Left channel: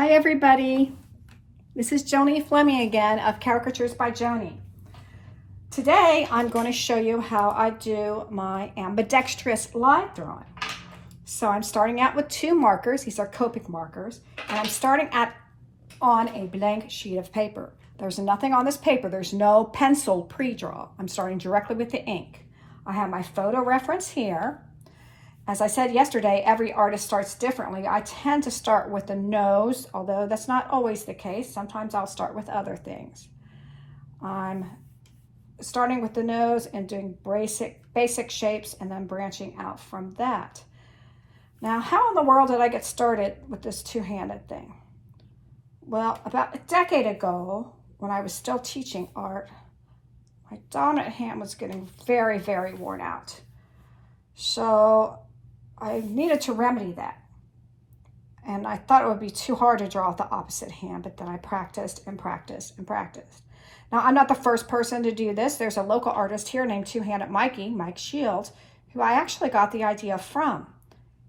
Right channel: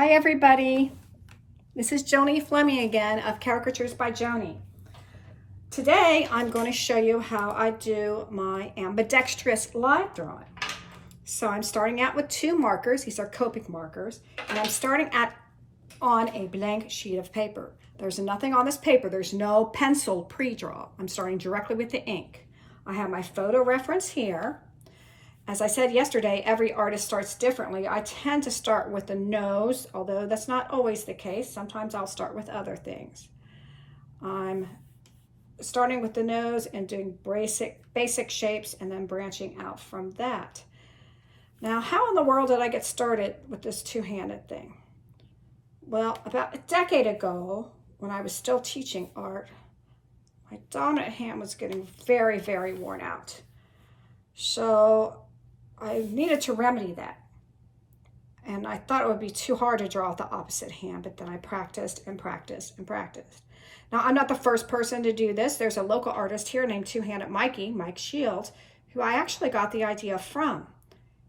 Hi everybody, this is Joni Fleming again of Caricatures by Joni. Today I'm going to show you how I do my ambidextrous live drawing. So I'm starting out with two markers, these are Copic markers, and I'm starting on a blank sheet of paper. There's nothing on this paper, there's no pencil pre-draw. I'm starting directly with the ink. I have my photo reference here. As I said yesterday, every artist starts differently. I tend to start with the nose, although that's not always the case. Sometimes I'll start with other things. I'm starting with the nose and doing basic shapes and then branching out from that. Now, how in the world did I get started with this two-handed thing? Well, about a decade ago, when I was still teaching art, my dominant hand was getting very, very worn out. So I needed to remedy that. And I thought it would be too hard to draw with the opposite hand, but then I practiced and practiced and practiced. Now, I'm not the first person to do this. There's a local artist here named Two-Handed Mikey, Mike Shields, who I actually got the idea from.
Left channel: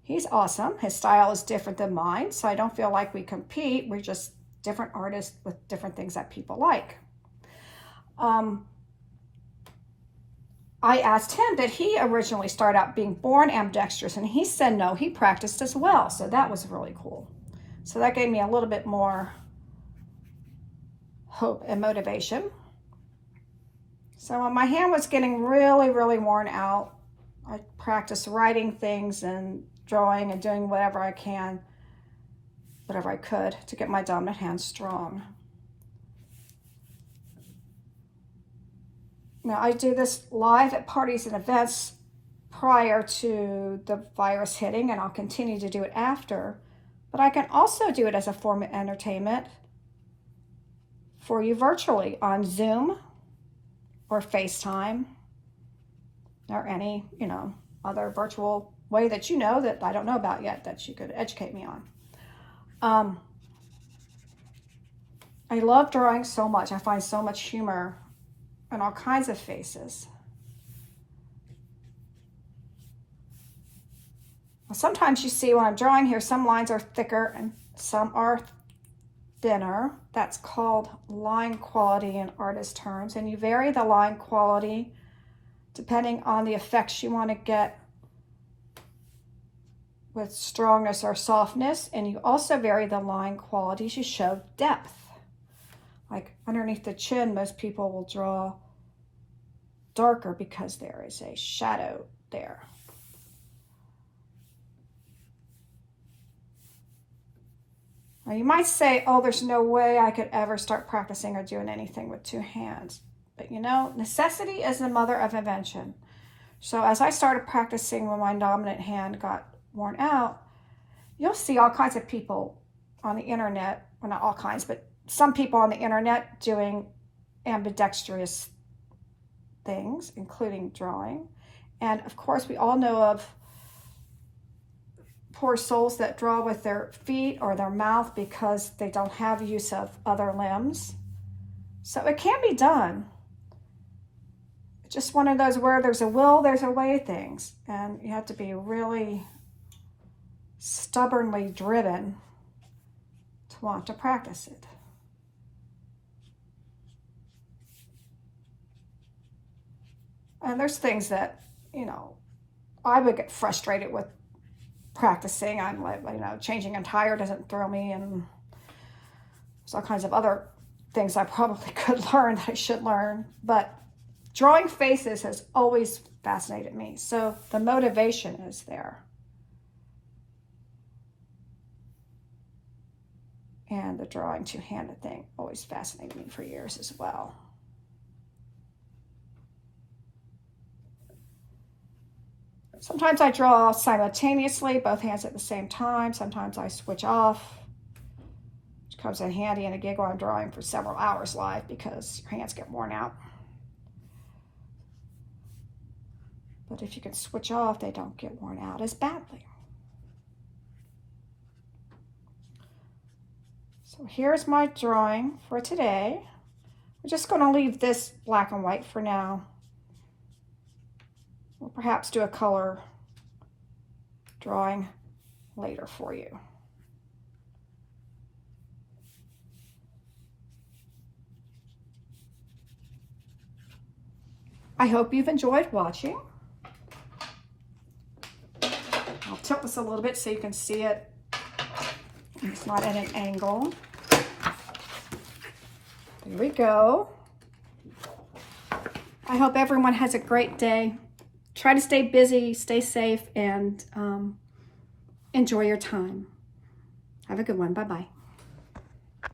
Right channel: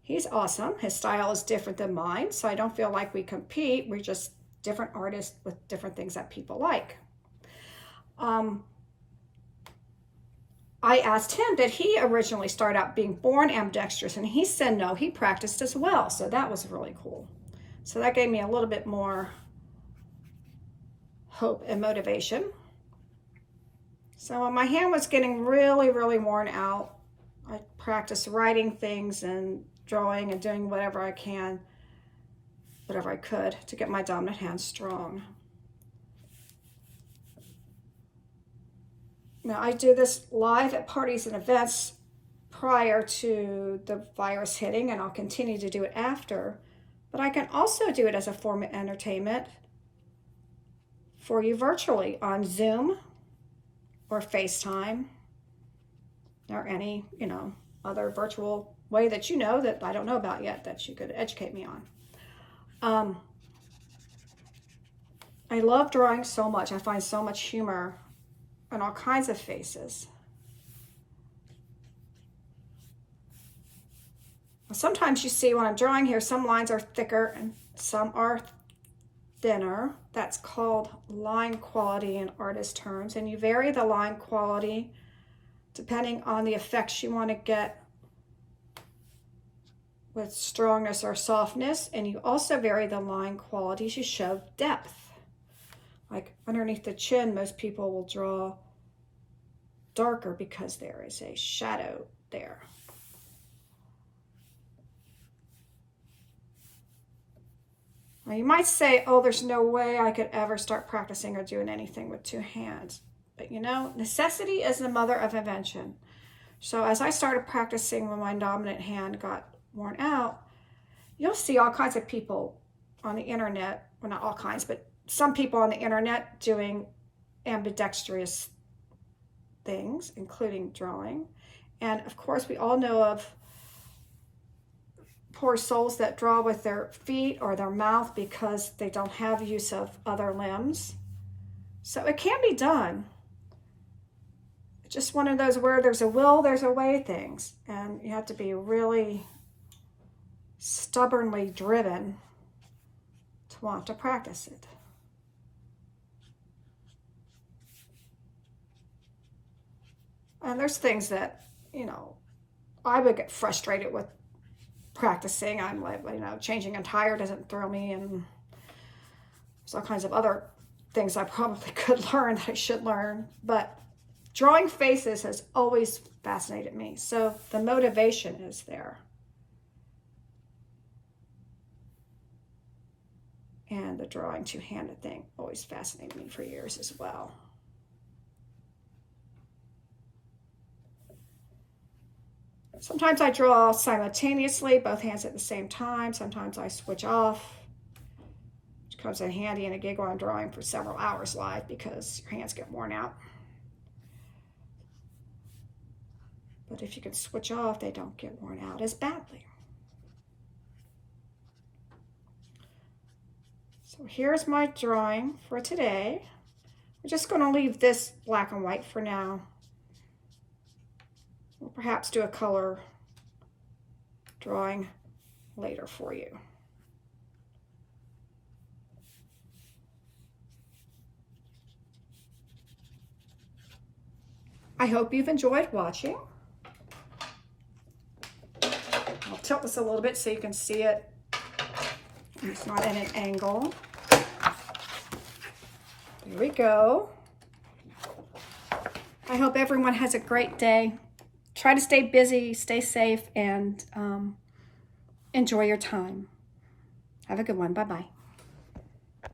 He's awesome. His style is different than mine, so I don't feel like we compete. We're just different artists with different things that people like. I asked him, did he originally start out being born ambidextrous? And he said no, he practiced as well. So that was really cool. So that gave me a little bit more hope and motivation. So when my hand was getting really, really worn out, I practiced writing things and drawing and doing whatever I could to get my dominant hand strong. Now, I do this live at parties and events prior to the virus hitting, and I'll continue to do it after. But I can also do it as a form of entertainment for you virtually on Zoom or FaceTime or any, other virtual way that that I don't know about yet that you could educate me on. I love drawing so much. I find so much humor on all kinds of faces. Sometimes you see when I'm drawing here, some lines are thicker and some are thinner. That's called line quality in artist terms. And you vary the line quality depending on the effects you want to get with strongness or softness. And you also vary the line quality to show depth. Like underneath the chin, most people will draw darker because there is a shadow there. Now you might say, oh, there's no way I could ever start practicing or doing anything with two hands. But necessity is the mother of invention. So as I started practicing when my dominant hand got worn out, you'll see all kinds of people on the internet, well, not all kinds, but some people on the internet doing ambidextrous things, including drawing. And of course, we all know of poor souls that draw with their feet or their mouth because they don't have use of other limbs. So it can be done. It's just one of those where there's a will, there's a way things. And you have to be really stubbornly driven to want to practice it. And there's things that, I would get frustrated with practicing. I'm like, changing a tire doesn't thrill me, and there's all kinds of other things I probably could learn that I should learn. But drawing faces has always fascinated me. So the motivation is there. And the drawing two-handed thing always fascinated me for years as well. Sometimes I draw simultaneously, both hands at the same time. Sometimes I switch off, which comes in handy in a gig where I'm drawing for several hours live because your hands get worn out. But if you can switch off, they don't get worn out as badly. So here's my drawing for today. We're just going to leave this black and white for now. We'll perhaps do a color drawing later for you. I hope you've enjoyed watching. I'll tilt this a little bit so you can see it. It's not at an angle. There we go. I hope everyone has a great day. Try to stay busy, stay safe, and enjoy your time. Have a good one. Bye-bye.